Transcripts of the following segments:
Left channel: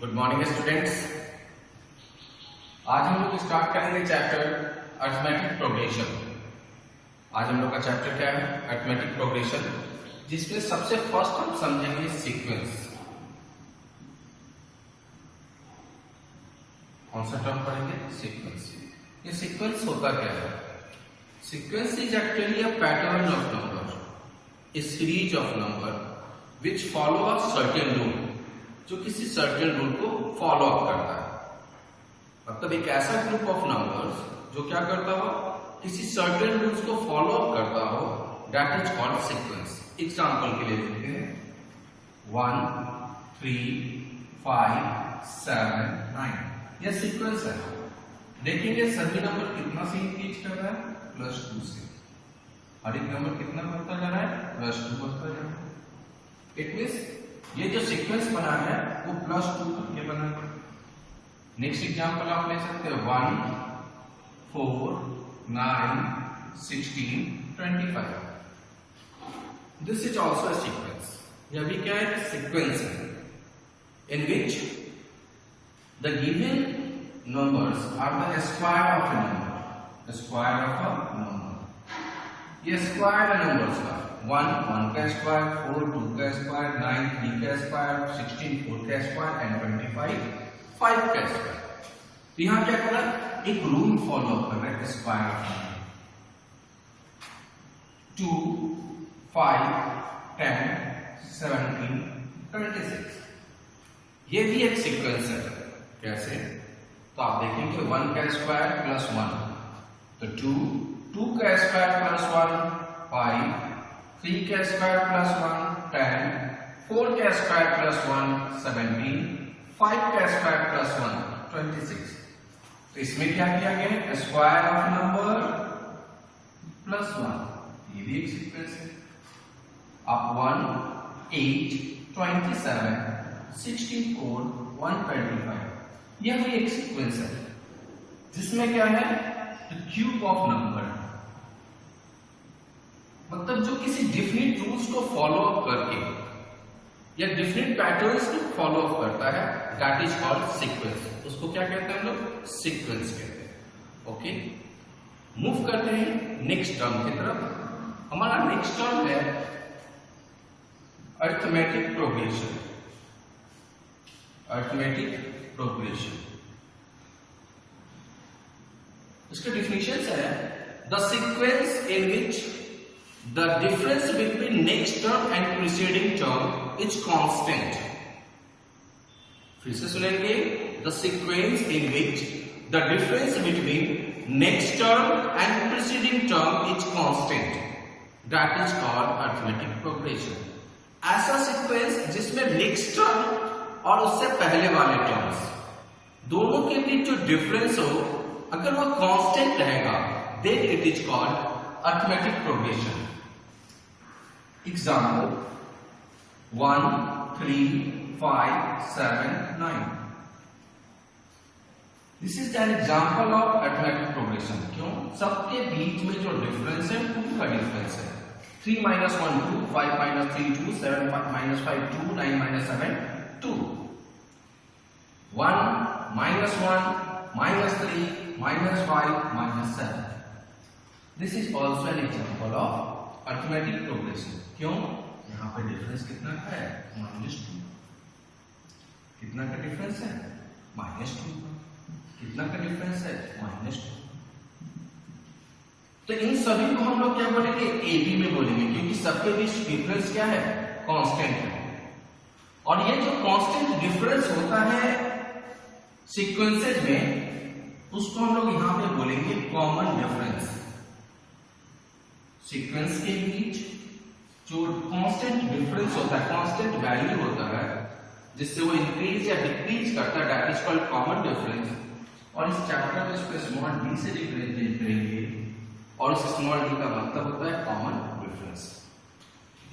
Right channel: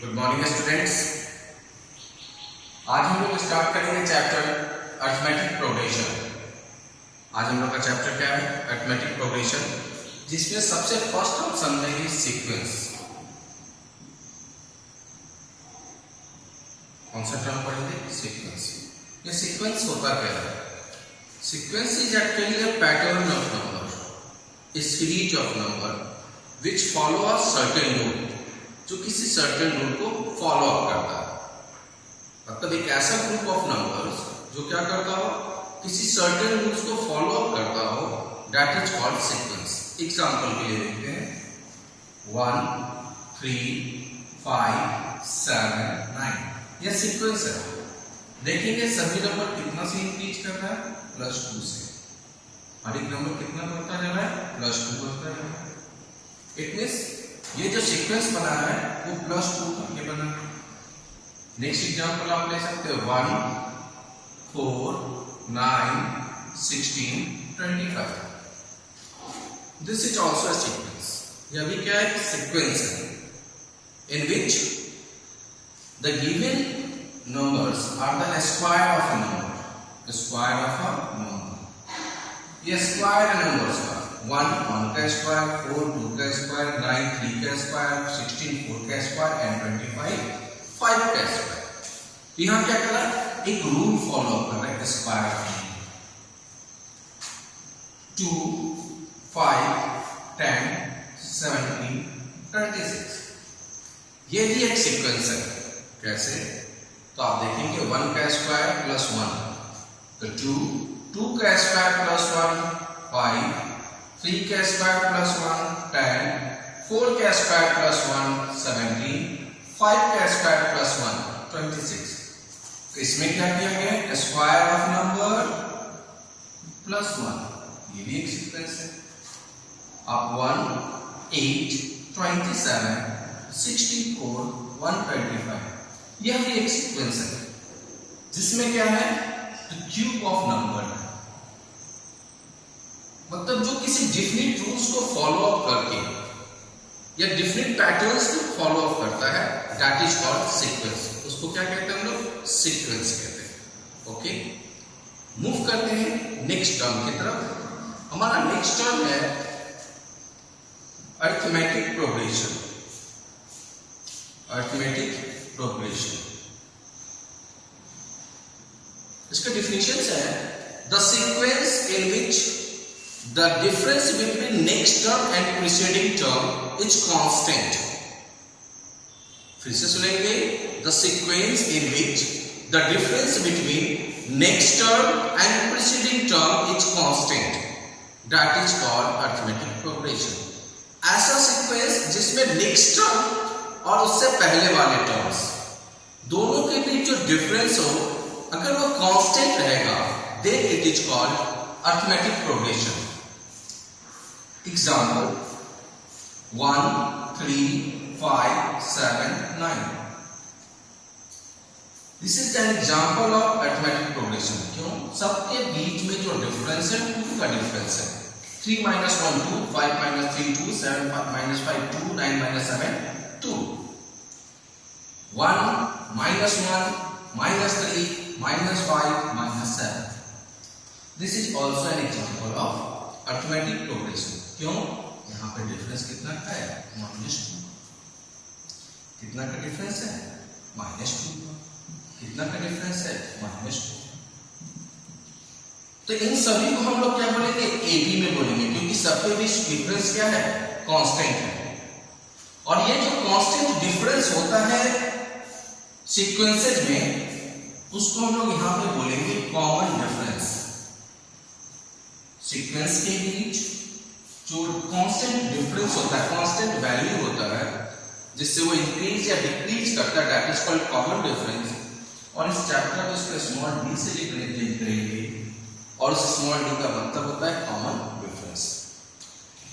Good morning students. आज हम लोग स्टार्ट करेंगे चैप्टर अरिथमेटिक प्रोग्रेशन। आज हम लोग का चैप्टर क्या है? अरिथमेटिक प्रोग्रेशन, जिसमें सबसे फर्स्ट हम समझेंगे सीक्वेंस। कौन सा टर्म पढ़ेंगे? सीक्वेंस। ये सीक्वेंस होता क्या है? Sequence is actually a pattern of number, A series of number which follow a certain rule, जो किसी सर्टेन रूल को फॉलो अप करता है। मतलब एक ऐसा ग्रुप ऑफ नंबर्स जो क्या करता हो, किसी सर्टेन रूल्स को फॉलो अप करता हो, that is called sequence. Example के लिए देखते हैं 1 3 5 7 9, यह सीक्वेंस है। देखेंगे सभी नंबर कितना से इंक्रीज कर रहा है? +2 से। हर एक नंबर कितना बढ़ता जा रहा है? +2 बढ़ता जा रहा है। इट मींस ये जो सीक्वेंस बना है वो +2 करके बना है। नेक्स्ट एग्जांपल आप ले सकते हो 1 4 9 16 25। This is also a sequence. यह भी क्या है? सीक्वेंस है, in which the given numbers are the square of a number, square of a number। ये स्क्वायर है नंबर्स का। 1 का स्क्वायर, 4 2 का स्क्वायर, 9 3 का स्क्वायर, 16 4 का स्क्वायर एंड 25 5 का स्क्वायर। तो यहाँ क्या कर रहा है? एक रूल फॉलो कर रहा है, स्क्वायर ऑफ नंबर। 2 5 10 17 36। ये भी एक सीक्वेंस है। कैसे? तो आप देखेंगे 1 का स्क्वायर +1, तो 2 का स्क्वायर +1 5, 3 का स्क्वायर +1 10, 4 का स्क्वायर +1 17, 5 का स्क्वायर +1 26। तो इसमें क्या किया गया? Square of number +1। ये भी एक सीक्वेंस है। आप 1 8 27 64 125, यह भी एक सीक्वेंस है, जिसमें क्या है? क्यूब ऑफ नंबर है। मतलब जो किसी डिफरेंट रूल्स को फॉलो अप करके या डिफरेंट पैटर्न्स को फॉलो अप करता है, दैट इज कॉल्ड सीक्वेंस। उसको क्या कहते हैं हम लोग? सीक्वेंस कहते हैं। ओके, मूव करते हैं नेक्स्ट टर्म की तरफ। हमारा नेक्स्ट टर्म है अरिथमेटिक प्रोग्रेशन। अरिथमेटिक प्रोग्रेशन, इसका डिफिनेशन है the sequence in which the difference between next term and preceding term is constant. फिर से सुनेंगे, the sequence in which the difference between next term and preceding term is constant, that is called arithmetic progression. ऐसा sequence जिसमें next term और उससे पहले वाले terms दोनों के बीच जो डिफरेंस हो, अगर वो कांस्टेंट रहेगा, then it is called arithmetic progression. Example 1 3 5 7 9। This is an example of arithmetic progression. क्यों? सबके बीच में जो डिफरेंस है 2 का डिफरेंस है। 3 - 1 2, 5 - 3 2, 7 - 5 2, 9 - 7 2, 1 - 1 -3 -5 -7। This is also an example of arithmetic progression. क्यों? यहाँ पे डिफरेंस कितना का है? -2। कितना का डिफरेंस है? -2 का। कितना का डिफरेंस है? -2। तो इन सभी को हम लोग क्या बोलेंगे? AB में बोलेंगे, क्योंकि सबके बीच डिफरेंस क्या है? कांस्टेंट है। और ये जो कांस्टेंट डिफरेंस होता है सीक्वेंसेज में, उसको हम लोग यहां पे बोलेंगे कॉमन डिफरेंस। सीक्वेंस के बीच जो कांस्टेंट डिफरेंस होता है, कांस्टेंट वैल्यू होता है, जिससे वो इंक्रीज या डिक्रीज करता है, that is called common difference. और इस चैप्टर में इसको स्मॉल d से रिप्रेजेंट करेंगे, और उस स्मॉल d का मतलब होता है कॉमन डिफरेंस।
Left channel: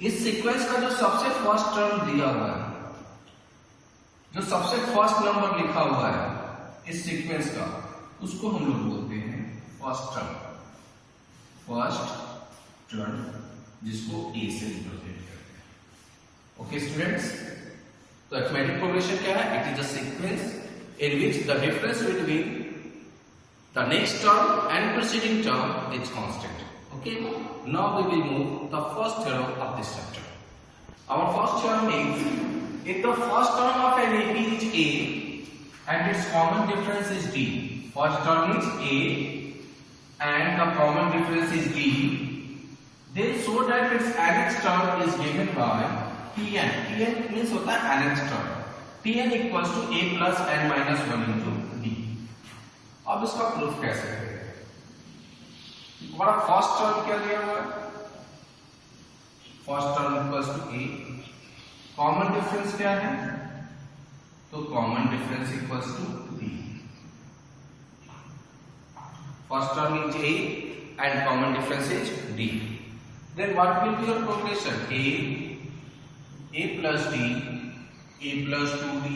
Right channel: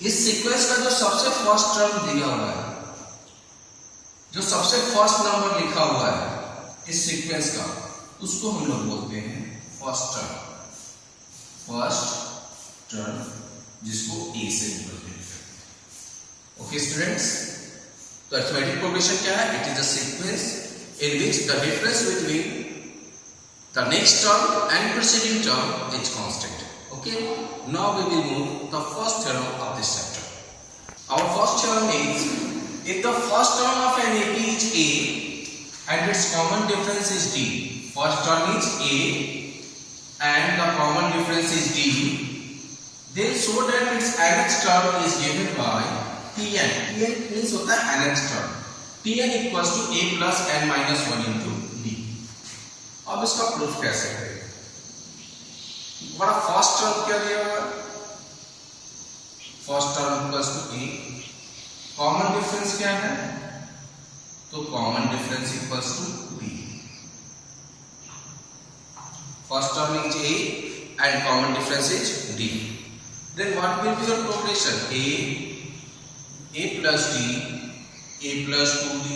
इस सीक्वेंस का जो सबसे फर्स्ट टर्म दिया हुआ है, जो सबसे फर्स्ट नंबर लिखा हुआ है इस सीक्वेंस का, उसको हम लोग बोलते हैं फर्स्ट टर्म। फर्स्ट टर्म जिसको A से रिप्रेजेंट करते हैं। ओके स्टूडेंट्स, तो अरिथमेटिक प्रोग्रेशन क्या है? It is a sequence in which the difference between the next term and preceding term is constant. Okay, now we will move the first theorem of this chapter. Our first theorem is, if the first term of an AP is A and its common difference is D, first term is A and the common difference is D, then show that its nth term is given by Tn. Tn means होता है nth term. Tn equals to A plus n minus 1 into D. अब इसका proof कैसे करेंगे? हमारा first term क्या लिया हुआ है? First term equals to A, common difference क्या है? तो common difference equals to B. First term is A and common difference is D. Then what will be your progression? A plus D, A plus 2d,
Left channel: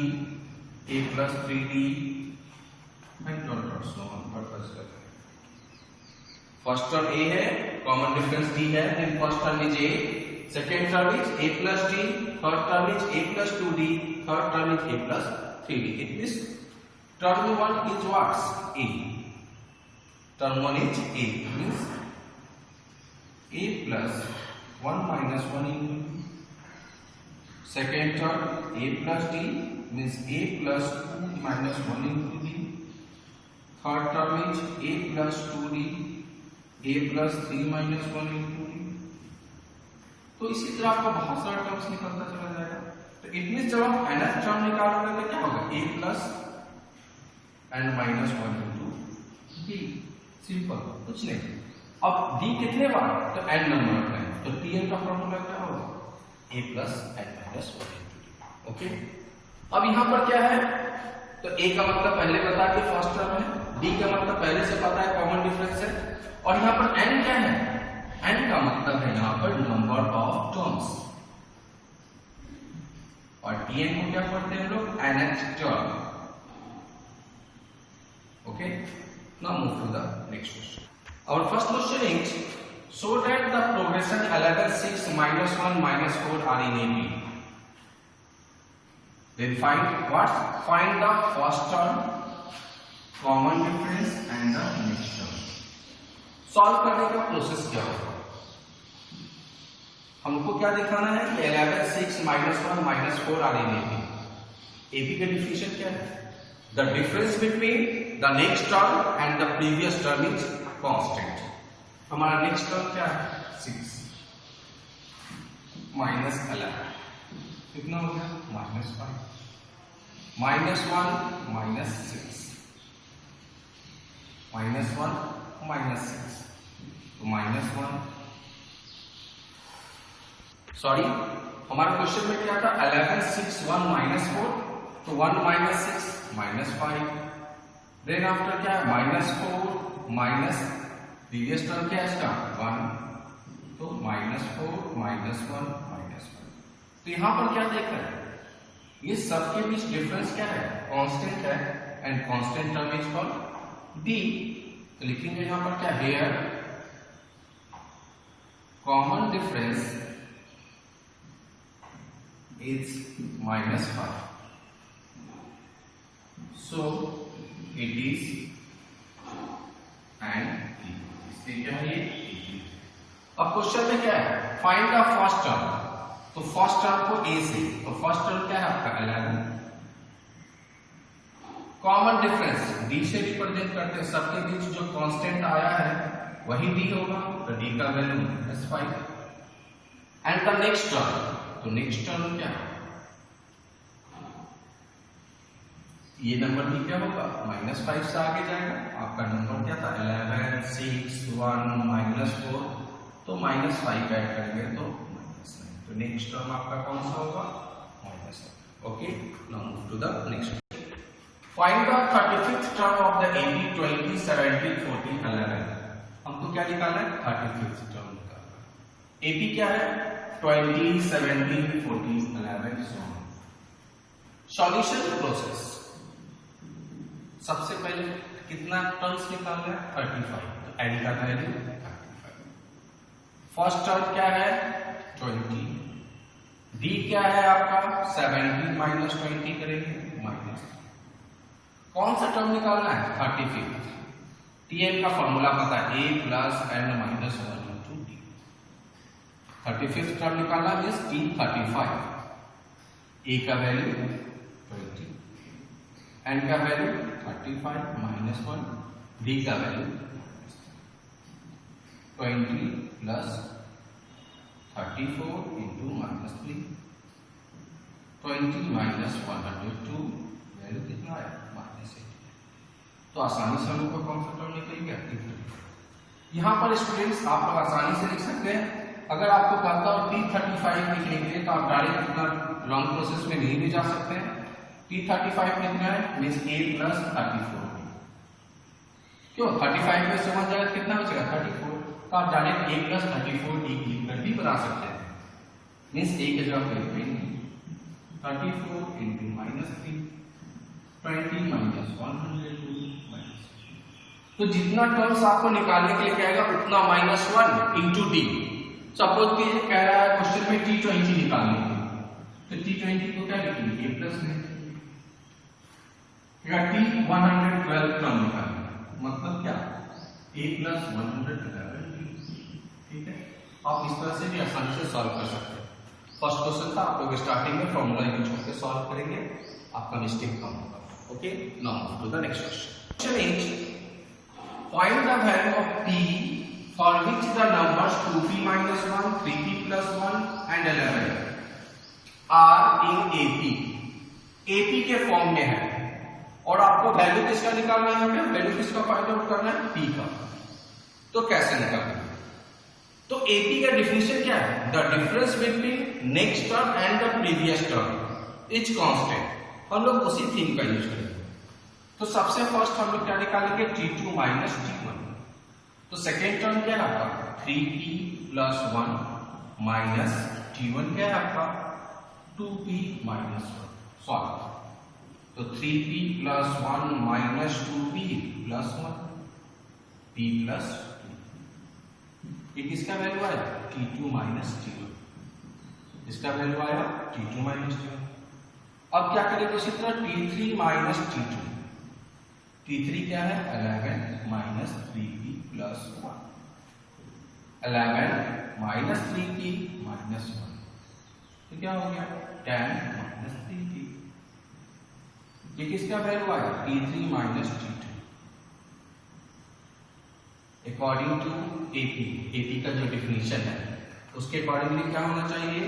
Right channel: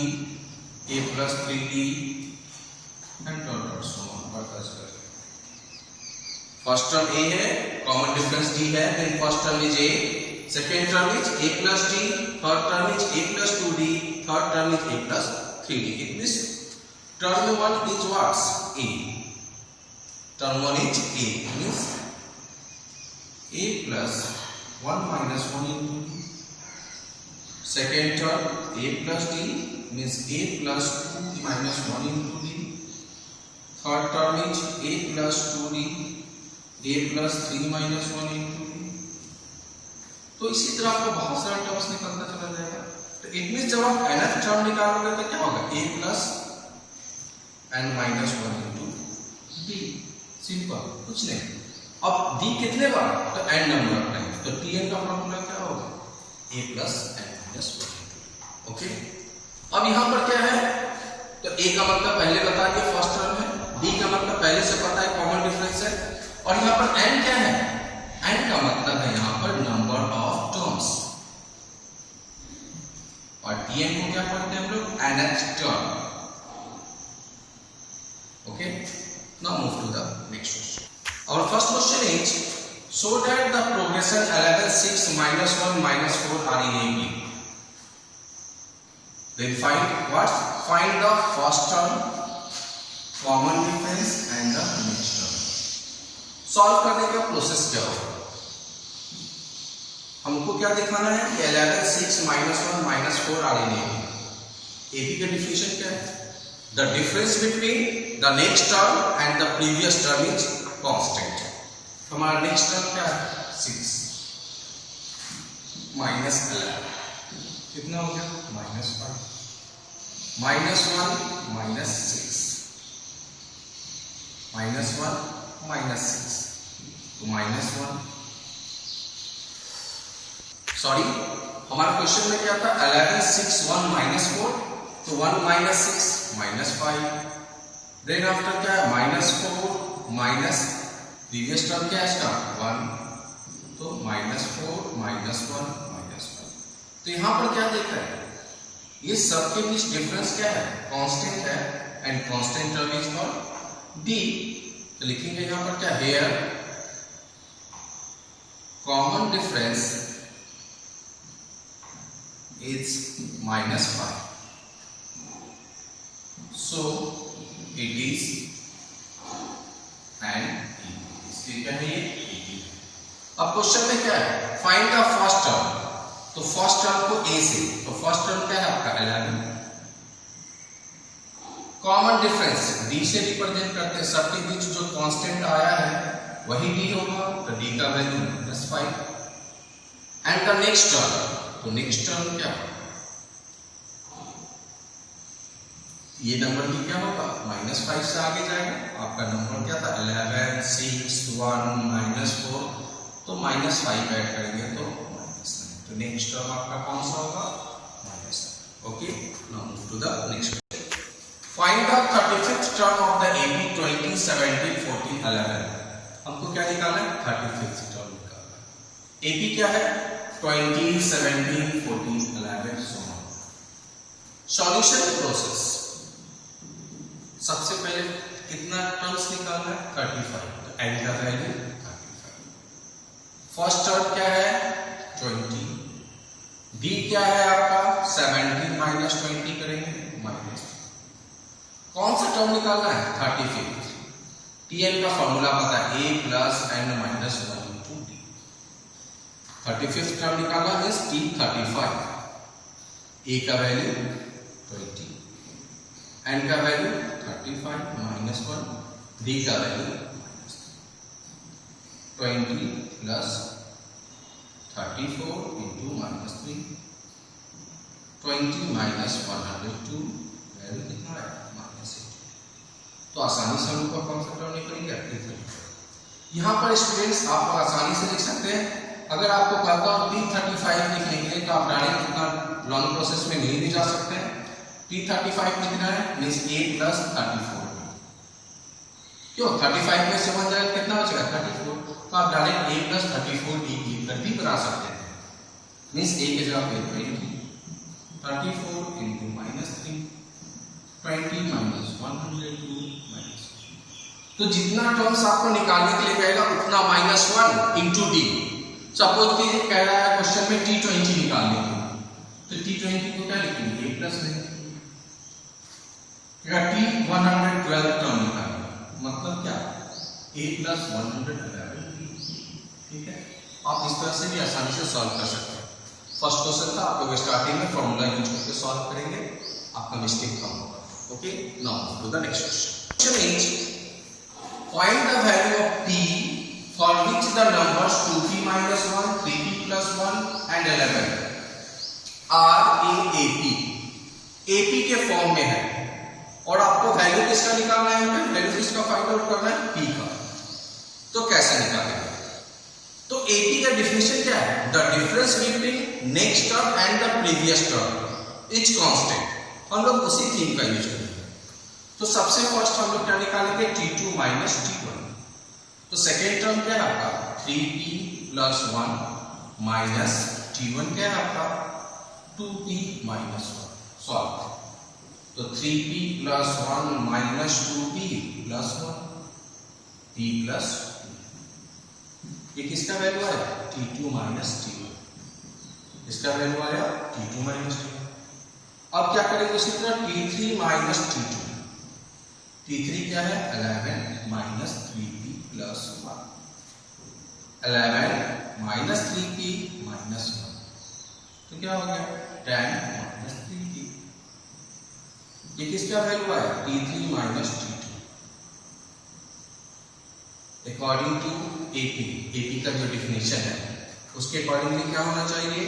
A plus 3d and so on. First term A है, common difference D है, then first term is A, second term is A plus D, third term is A plus 2d, third term is A plus 3d. It means term 1 is what's? A. Term 1 is a means a plus 1 minus 1 into d. Second term a plus d means a plus 2 minus 1 into d. Third term is a plus 2d, a plus 3 minus 1 into d. तो इसी तरह आपको बहुत सारे terms निकलता चला जाएगा. तो इट मींस जब आप nth टर्म निकालोगे तो क्या होगा? a plus n minus 1 into d. Simple, कुछ नहीं. अब d कितने बार? तो n नंबर नहीं. तो tn का फॉर्मूला क्या होगा? a plus n minus 1. Okay, अब यहाँ पर क्या है? तो a का मतलब पहले बता के फर्स्ट टर्म है, d का मतलब पहले से पता है कॉमन डिफरेंस है, और यहाँ पर n क्या है? n का मतलब है यहाँ पर नंबर ऑफ टर्म्स, और tn को क्या पढ़ते हैं हम लोग? nth term. Okay, now move to the next question. Our first question is, show that the progression 11, 6, minus 1, minus 4 are in AP. Then find what? Find the first term, common difference and the next term. Solve करने का process क्या होगा? हमको क्या दिखाना है कि 11, 6, minus 1, minus 4 are in AP. AP का डिफिनेशन क्या है? The difference between the next term and the previous term is constant. हमारा नेक्स्ट टर्म क्या है? 6 minus 11 कितना हो गया? minus 5. minus 1 minus 6 minus 1 minus 6 तो minus 1. सॉरी, हमारे क्वेश्चन में क्या था? 11, 6, 1 minus 4, तो 1 minus 6 minus 5. देन आफ्टर क्या है? minus 4 minus प्रीवियस टर्म क्या है इसका? 1, तो minus 4 minus 1 minus 1. तो यहाँ पर क्या देख रहे हैं? ये सबके बीच डिफरेंस क्या है? कांस्टेंट है, and constant term is called d. तो लिखेंगे यहाँ पर क्या? Here common difference is -5, so it is and क्या है ये? अब क्वेश्चन में क्या है? Find the first term. तो फर्स्ट टर्म को a से, तो फर्स्ट टर्म क्या है आपका? 11. कॉमन डिफरेंस d से रिप्रेजेंट करते हैं, सबके बीच जो कांस्टेंट आया है वही d होगा, तो d का value -5. And the next term, तो नेक्स्ट टर्म क्या? ये नंबर की क्या होगा? -5 से आगे जाएगा. आपका नंबर क्या था? 11, 6, 1, -4, तो -5 ऐड करेंगे तो -9. तो नेक्स्ट टर्म आपका कौन सा होगा? -9. Okay, now move to the next question. Find the 35th term of the AP 20, 17, 14, 11. हमको क्या निकालना है? 35th टर्म निकालना है. AP क्या है? 20, 17, 14, 11 so on. Solution process. सबसे पहले कितना टर्म्स निकालना है? 35. तो n का वैल्यू 35. फर्स्ट टर्म क्या है? 20. डी क्या है आपका 17 माइनस 20 करेंगे माइनस, कौन सा टर्म निकालना है 35। टीएल का फॉर्मूला पता है a plus n minus 1 into d. 35th टर्म निकालना मीन्स टी 35, a का वैल्यू 20, n का वैल्यू 35 माइनस 1, d का value 20 plus 34 into minus 3, 20 minus 102 value कितना है माइनस 8। तो आसानी से हम लोग कौन सा टर्म निकल गया। यहाँ पर स्टूडेंट्स आप आसानी से लिख सकते हैं। अगर आपको कहता हो P35 लिखने के लिए तो आप डायरेक्ट इतना लॉन्ग प्रोसेस में नहीं भी जा सकते हैं। P35 कितना है मीन्स a प्लस 34, क्यों 35 में से 1 जाएगा कितना हो जाएगा 34, तो आप डायरेक्ट a प्लस 34 d लिखकर भी बना सकते हैं। मीन्स a के जगह पे 20, 34 इंटू माइनस 3, 20 माइनस 102 माइनस। तो जितना टर्म्स आपको निकालने के लिए कहेगा उतना माइनस 1 इंटू डी। सपोज कि कह रहा है क्वेश्चन में T20 निकालने के लिए, तो T20 को क्या लिखेंगे a प्लस लिखेंगे, T112 टर्म निकालना, मतलब क्या a प्लस 111, ठीक है। आप इस तरह से भी आसानी से सॉल्व कर सकते हैं। फर्स्ट क्वेश्चन था, आप लोग स्टार्टिंग में फॉर्मूला यूज करके सॉल्व करेंगे, आपका मिस्टेक कम होगा। Okay, now to the next question. Question is find the value of p for which the numbers 2p minus 1, 3p plus 1 and 11 are in AP। AP के form में है और आपको वैल्यू किसका निकालना है, यहाँ पे वैल्यू किसका फाइंड आउट करना है p का। तो कैसे निकालेंगे, तो AP का डिफिनेशन क्या है, the difference between next term and the previous term is constant. हम लोग उसी थीम का यूज करेंगे। तो सबसे फर्स्ट हम लोग क्या निकालेंगे T2 माइनस T1। तो सेकेंड टर्म क्या है आपका 3p प्लस 1 माइनस T1 क्या है आपका 2p माइनस 1। सॉल्व, तो 3p plus 1 minus 2p plus 1 p plus 2। ये किसका वैल्यू आया T2 माइनस T1, इसका वैल्यू आया T2 माइनस T1। अब क्या करेंगे उसी तरह T3 माइनस T2। T3 क्या है 11 minus 3p plus 1, 11 minus 3p minus 1, तो क्या हो गया 10 माइनस 3p। ये किसका वैल्यू आया T3 minus T2 according to AP का जो डिफिनेशन है उसके अकॉर्डिंगली क्या होना चाहिए,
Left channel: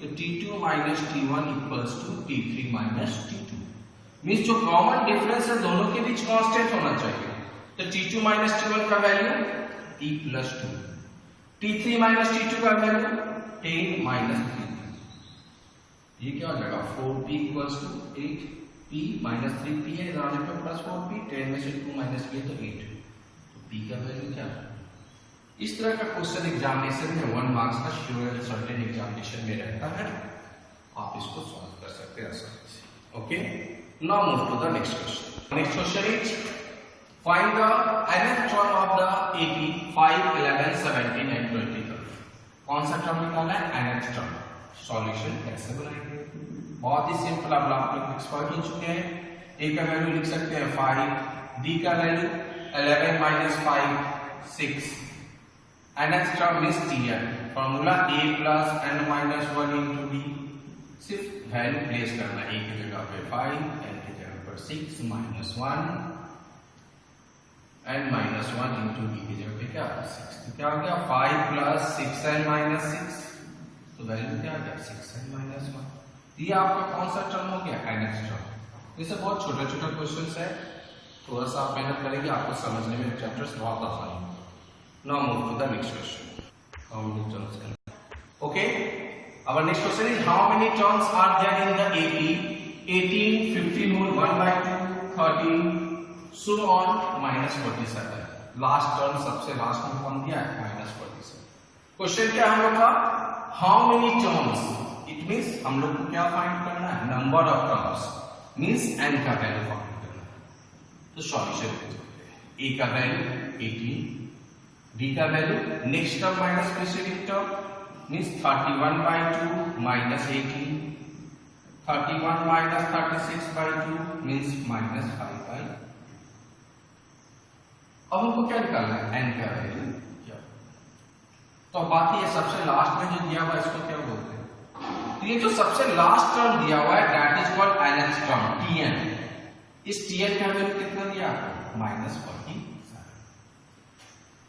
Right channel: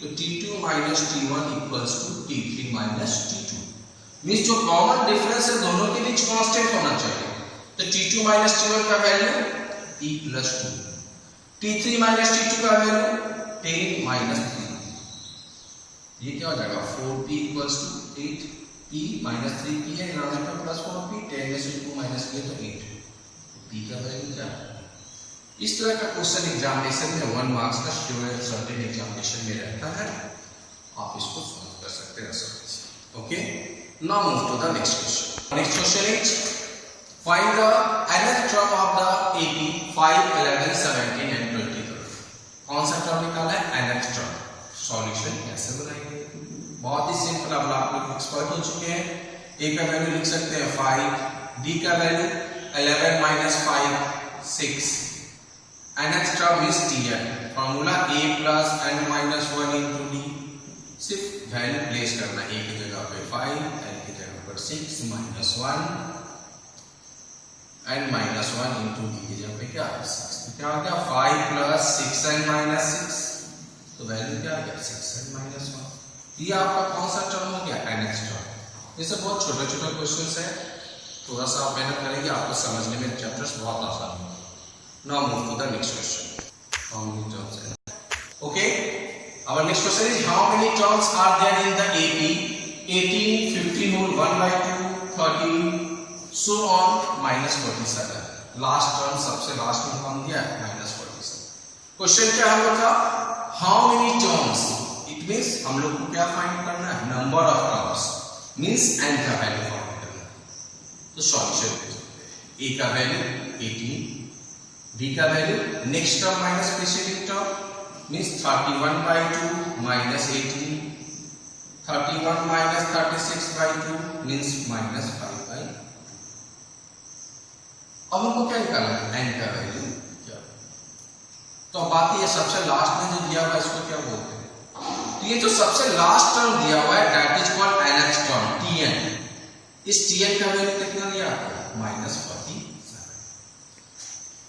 तो T2 minus T1 equals to T3 minus T2। Means जो कॉमन डिफरेंस है दोनों के बीच कांस्टेंट होना चाहिए। तो T2 माइनस T1 का value p plus 2, T3 minus T2 का वैल्यू 10 माइनस 3। ये क्या हो जाएगा 4p equals to 8, p minus 3p है डिनोमिनेटर प्लस 4p, 10 में से 2 माइनस किया तो 8, तो p का वैल्यू क्या है। इस तरह का क्वेश्चन एग्जामिनेशन में 1 मार्क्स का श्योर सर्टेन एग्जामिनेशन में रहता है, आप इसको सॉल्व कर सकते हैं आसानी से। Okay, now move to the next question. Next question is find the nth term of the AP 5, 11, 17 and 23। कौन सा टर्म निकालना है nth टर्म। सॉल्यूशन कैसे बनाएंगे, बहुत ही सिंपल। अब आप लोग एक्सपर्ट हो चुके हैं। a का वैल्यू लिख सकते हैं 5, d का value 11 minus 5 6, nth term is Tn। Formula a plus n minus 1 into d। सिर्फ वैल्यू प्लेस करना, a की जगह पे 5, n की जगह पर 6 minus 1 n minus 1 into d की जगह पे क्या 6। तो क्या हो गया 5 प्लस 6n माइनस 6, तो वैल्यू क्या आ गया 6n माइनस 1। ये आपका कौन सा टर्म हो गया nth टर्म। ये सब बहुत छोटे छोटे क्वेश्चंस है, थोड़ा सा आप मेहनत करेंगे आपको समझने में चैप्टर्स बहुत आसान होगा। Now move to the next question. Okay, our next question is how many terms are there in the AP 18, 15 whole 1/2, 13 so on minus 47। Last term सबसे लास्ट में कौन दिया है minus 47। क्वेश्चन क्या हम लोग का how many terms, it means हम लोग को क्या फाइंड करना है number of terms, means n का वैल्यू फाइंड करना है। तो सॉल्यूशन a का वैल्यू 18, b का value next term minus preceding term means 31/2 minus 18, 31 minus 36/2 means minus 5/2। अब हमको क्या निकालना है, n का वैल्यू क्या। तो बात ये सबसे लास्ट में जो दिया हुआ है इसको क्या बोलते हैं, तो ये जो सबसे लास्ट टर्म दिया हुआ है that is called nth term tn। इस tn का वैल्यू कितना दिया आपको, -47।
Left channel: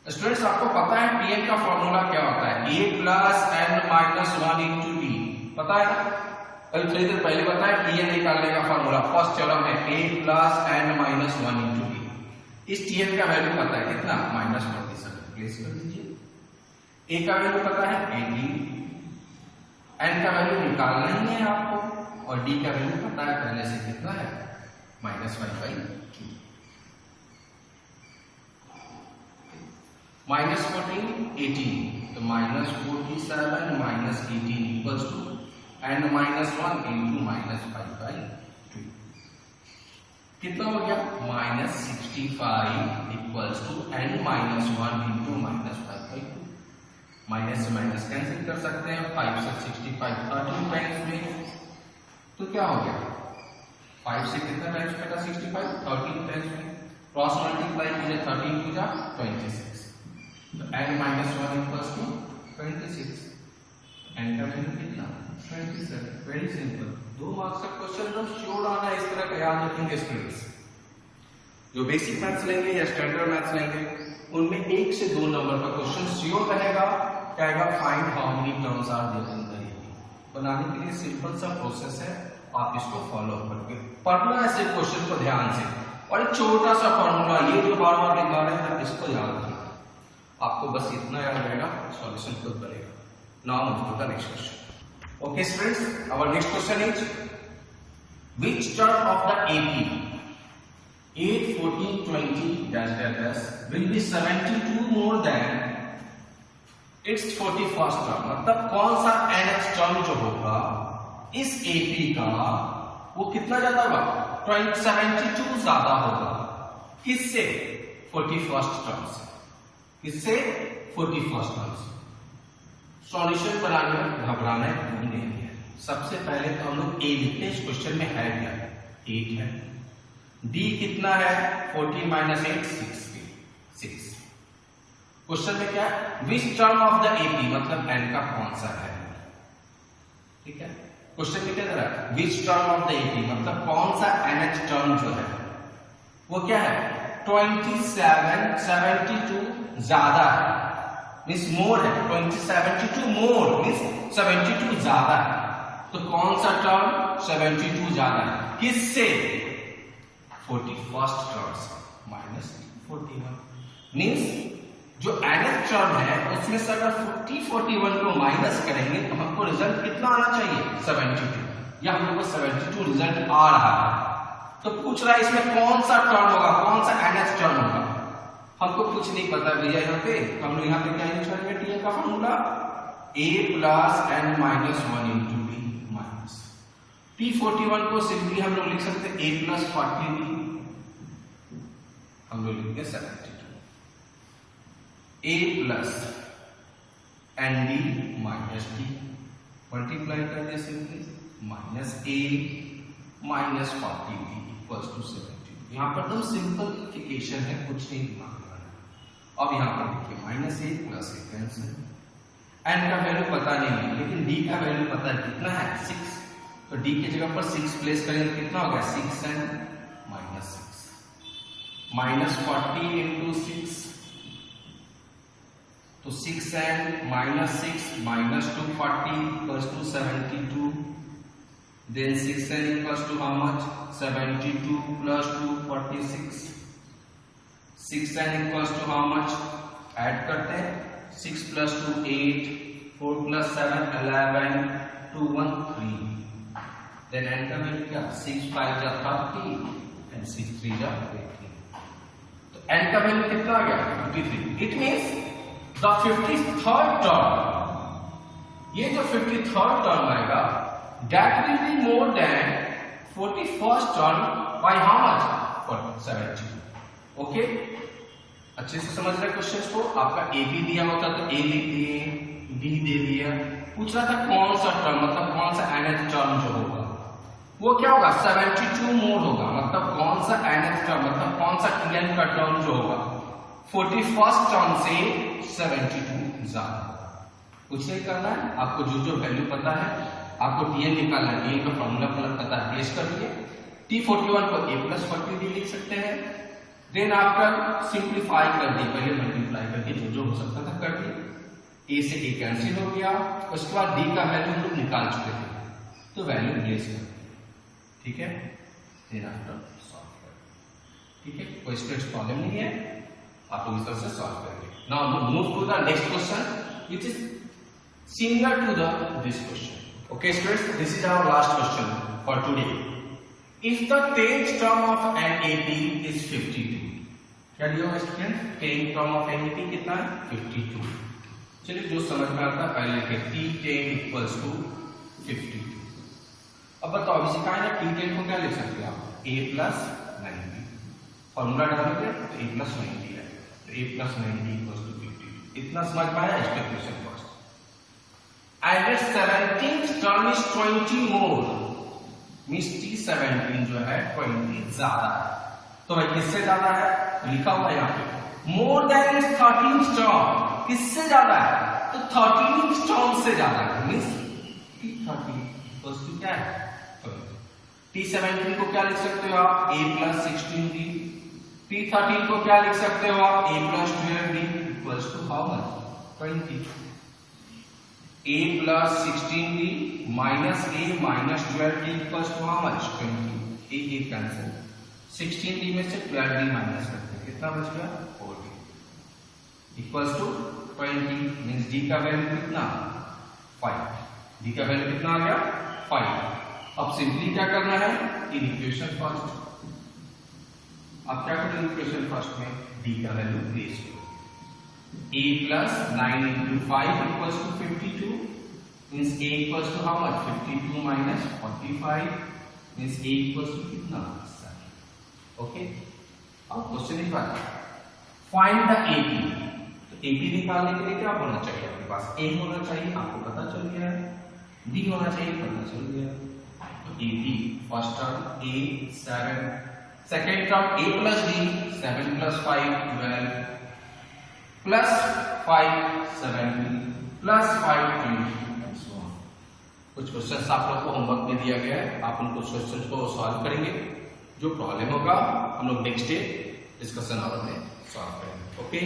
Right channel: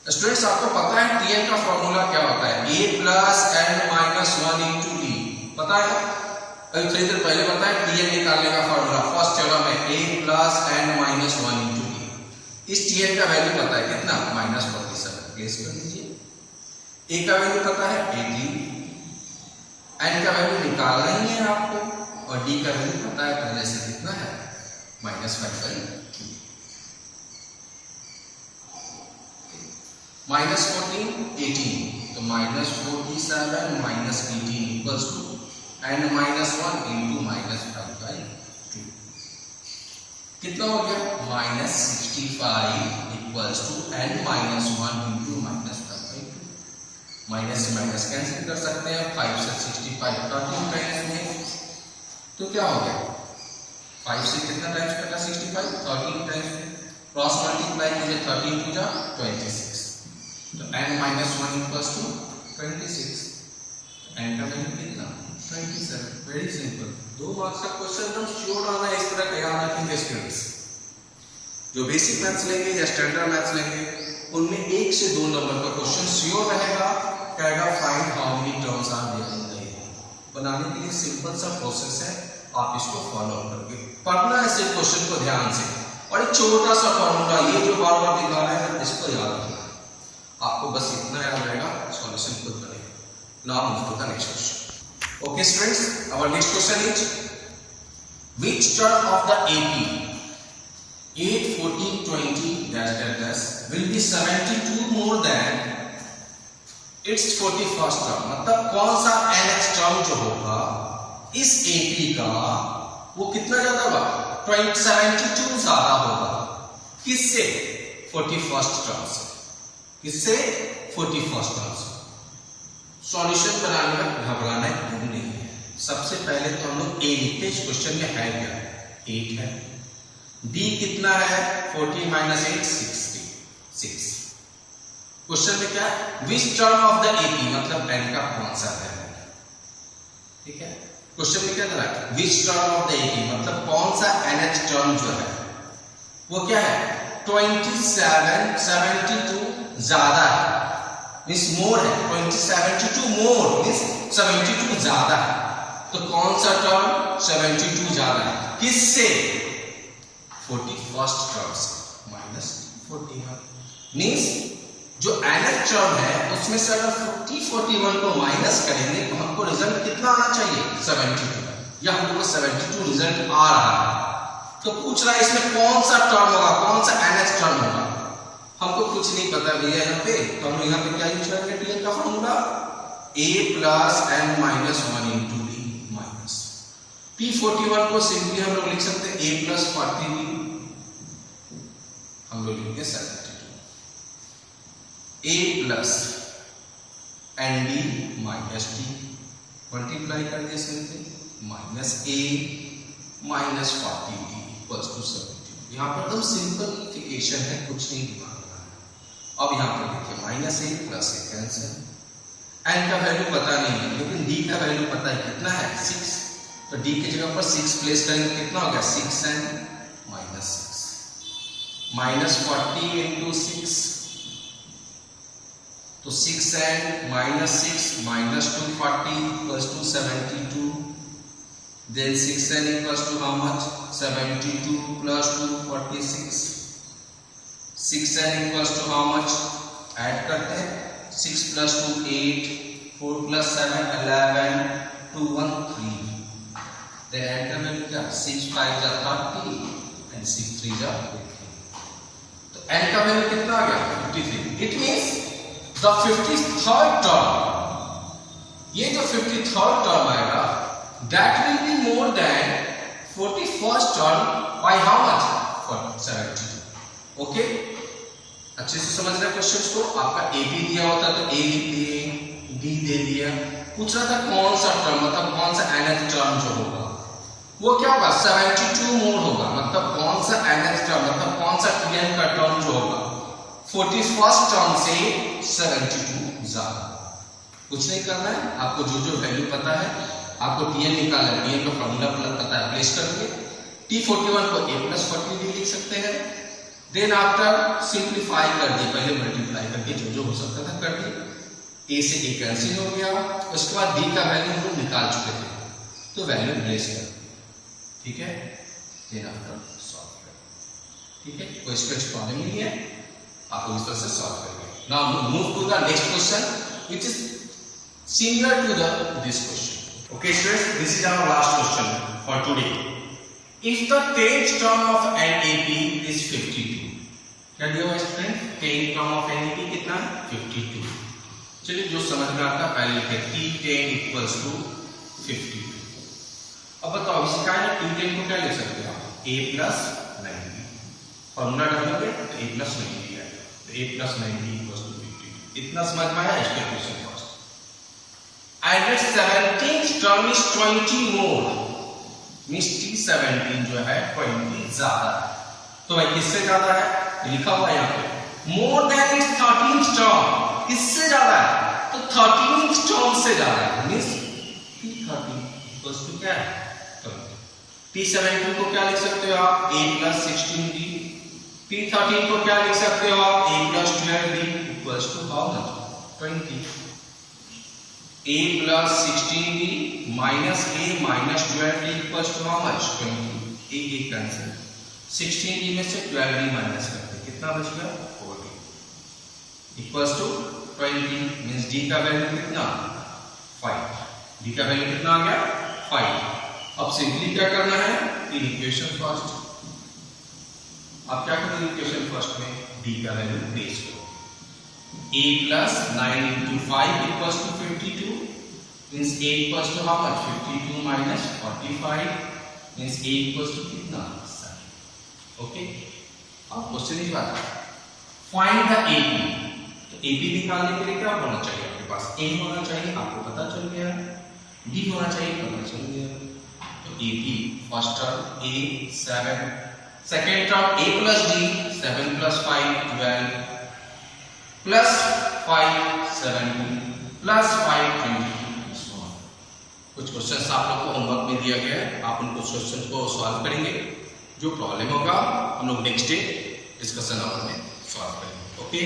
स्टूडेंट्स आपको पता है tn का फॉर्मूला क्या होता है, a plus n minus 1 into T, पता है। अभी थोड़ी देर पहले बताया tn निकालने का फॉर्मूला फर्स्ट चलो में a plus n minus 1 into T. इस tn का वैल्यू पता है कितना, -47। प्लेस कर दीजिए, a का वैल्यू पता है 18, n का वैल्यू निकालना ही है आपको, और d का वैल्यू पता है पहले से कितना है, -5/3। -14 18, तो -47 minus 18 equals to n minus 1 into -5/2। कितना हो गया, -65 equals to n minus 1 into -5/2। Minus से माइनस कैंसिल कर सकते हैं, 5 से 65 13 टाइम्स में, तो क्या हो गया, 5 से कितना टाइम्स कटा, 65 13 टाइम्स में, क्रॉस मल्टीप्लाई कीजिए 13 टू जा 26, तो n minus 1 equals to 26, n का वैल्यू कितना, 27। वेरी सिंपल, 2 मार्क्स का क्वेश्चन एकदम श्योर आना है, इस तरह का याद रखेंगे स्टूडेंट्स। जो बेसिक मैथ्स लेंगे या स्टैंडर्ड मैथ्स लेंगे उनमें 1 से 2 नंबर का क्वेश्चन श्योर रहेगा। कहेगा find how many terms are there in the year. बनाने के लिए सिंपल सा प्रोसेस है, आप इसको फॉलो करके पढ़ना है सिर्फ क्वेश्चन को ध्यान से, और एक छोटा सा फॉर्मूला ये जो बार बार दिखा रहे हैं इसको याद रखना, आपको बस इतना याद रहेगा, सॉल्यूशन खुद बनेगा। Now move to the next question. Okay students, our next question is which term of the AP 8, 14, 20 dash dash dash will be 72 more than its 41st term। मतलब कौन सा nth टर्म जो होगा इस AP का वो कितना ज्यादा होगा, 72 ज्यादा होगा, किससे, 41st टर्म से, किससे, 41st टर्म से। सॉल्यूशन बनाने में घबराना नहीं है। सबसे पहले तो हम लोग ए लिखते हैं, इस क्वेश्चन में है क्या, 8 है, बी कितना है, 40 माइनस 8 66। क्वेश्चन में क्या है, which term of the AP, मतलब एन का कौन सा है, ठीक है। क्वेश्चन में क्या दे रहा है, which term of the AP मतलब कौन सा nth टर्म जो है वो क्या है, 27 72 ज्यादा है, मींस मोर है, 72 मोर मींस 72 ज्यादा है। तो कौन सा टर्म 72 ज्यादा है, किससे, 41st टर्म से, -41 मींस जो nth टर्म है उसमें से अगर 41 को माइनस करेंगे तो हमको रिजल्ट कितना आना चाहिए, 72, या हमको 72 रिजल्ट आ रहा है। तो पूछ रहा है इसमें कौन सा टर्म होगा, कौन सा nth टर्म होगा, हमको कुछ नहीं पता भैया। यहाँ पे हम यहाँ पे क्या यूज करेंगे, tn का formula a plus n minus 1 into D minus p41 को सिंपली हम लोग लिख सकते हैं a प्लस 40 हम लोग लिखेंगे 72, a plus n d minus d multiply कर दिया simply minus a minus 40 d equals to 70। यहाँ पर एकदम सिंपलिफिकेशन है, कुछ नहीं दिमाग। अब यहाँ पर देखिए -a plus a cancel, n का वैल्यू पता नहीं है लेकिन d का वैल्यू पता है, कितना है 6, तो d की जगह पर 6 प्लेस करेंगे कितना हो गया, 6n माइनस 6 माइनस 40 इंटू 6, तो 6n minus 6 minus 240 equals to 72, then 6n equals to how much, 72 plus 246, 6n equals to how much, add करते हैं, 6 प्लस 2 8, 4 प्लस 7 11, 2 1 3, देन n का वैल्यू क्या, 6 5 जा 30 एंड 6 3 जा 53, तो n का वैल्यू कितना आ गया, 53। It means the 53rd term, ये जो 53rd टर्म आएगा that will be more than 41st term by how much, 72। Okay, अच्छे से समझ रहे क्वेश्चंस को। आपका ए बी दिया होता तो ए लिख दिए, डी दे दिया। पूछ रहा था कौन सा टर्म, मतलब कौन सा nth टर्म जो होगा वो क्या होगा, 72 मोर होगा। मतलब कौन सा nth टर्म, मतलब कौन सा Tn का टर्म जो होगा 41st टर्म से 72 ज्यादा। कुछ नहीं करना है, आपको जो जो वैल्यू पता है, आपको Tn निकालना है, Tn का फॉर्मूला पता है, प्लेस करिए। T41 को a+40 लिख सकते हैं। देन आफ्टर सिंप्लीफाई कर दिए, पहले मल्टीप्लाई करके जो जो हो सकता था कर दिए। a से a कैंसिल हो गया। उसके बाद d का वैल्यू हम लोग निकाल चुके थे, तो वैल्यू प्लेस कर, ठीक है। देन आफ्टर सॉल्व कर, ठीक है, कोई स्ट्रेच प्रॉब्लम नहीं है, आप इस तरह से सॉल्व करेंगे। Now move to the next question which is similar to this question. Okay students, this is our last question for today. If the 10th term of NAP is 52, क्या दिया हुआ student, 10th term of NAP कितना है 52। चलिए जो समझ में आता है पहले लिखते हैं, T10 equals to 52। अब बताओ इसी का है, T10 को क्या लिख सकते हैं आप, a+90, फॉर्मूला डालेंगे तो a+90 है, तो a+90 equals to 52। इतना समझ में आया। इसके question first, and 17th term is 20 more, means T17 जो है 20 ज्यादा है। तो भाई किससे ज्यादा है, लिखा हुआ यहाँ पे more than it's 13th term, किससे ज्यादा है, तो 13th टर्म से ज्यादा है, मींस T13 इक्वल्स टू क्या है, T17 को क्या लिख सकते हो आप, a+16b। T13 को क्या लिख सकते हो आप, a+12b equals to how much, 20। a+16b minus a minus 12b equals to how much, 20। a cancel, 16b में से 12b माइनस करते हैं, कितना बच गया 40 equals to 20। मींस d का वैल्यू कितना 5, d का वैल्यू कितना आ गया 5। अब सिंपली क्या करना है, इन इक्वेशन फर्स्ट, आप क्या करेंगे इक्वेशन फर्स्ट में d का वैल्यू प्लेस करो, a+9 into 5 equals to 52, means a equals to how much, 52 minus 45, means a equals to कितना 7। ओके, अब क्वेश्चन इस बात, फाइंड द AP। तो AP निकालने के लिए क्या होना चाहिए आपके पास, a होना चाहिए, आपको पता चल गया है, d होना चाहिए, पता चल गया। तो AP first term a 7, second term a plus d 7 plus 5 12 plus 5 70 plus 5 22। कुछ क्वेश्चंस आप लोग को होमवर्क में दिया गया है, आप उन कुछ क्वेश्चंस को सॉल्व करेंगे। जो प्रॉब्लम होगा हम लोग नेक्स्ट डे डिस्कशन आवर में सॉल्व करेंगे। ओके,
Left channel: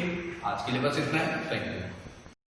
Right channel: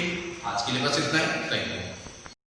आज के लिए बस इतना ही, थैंक यू।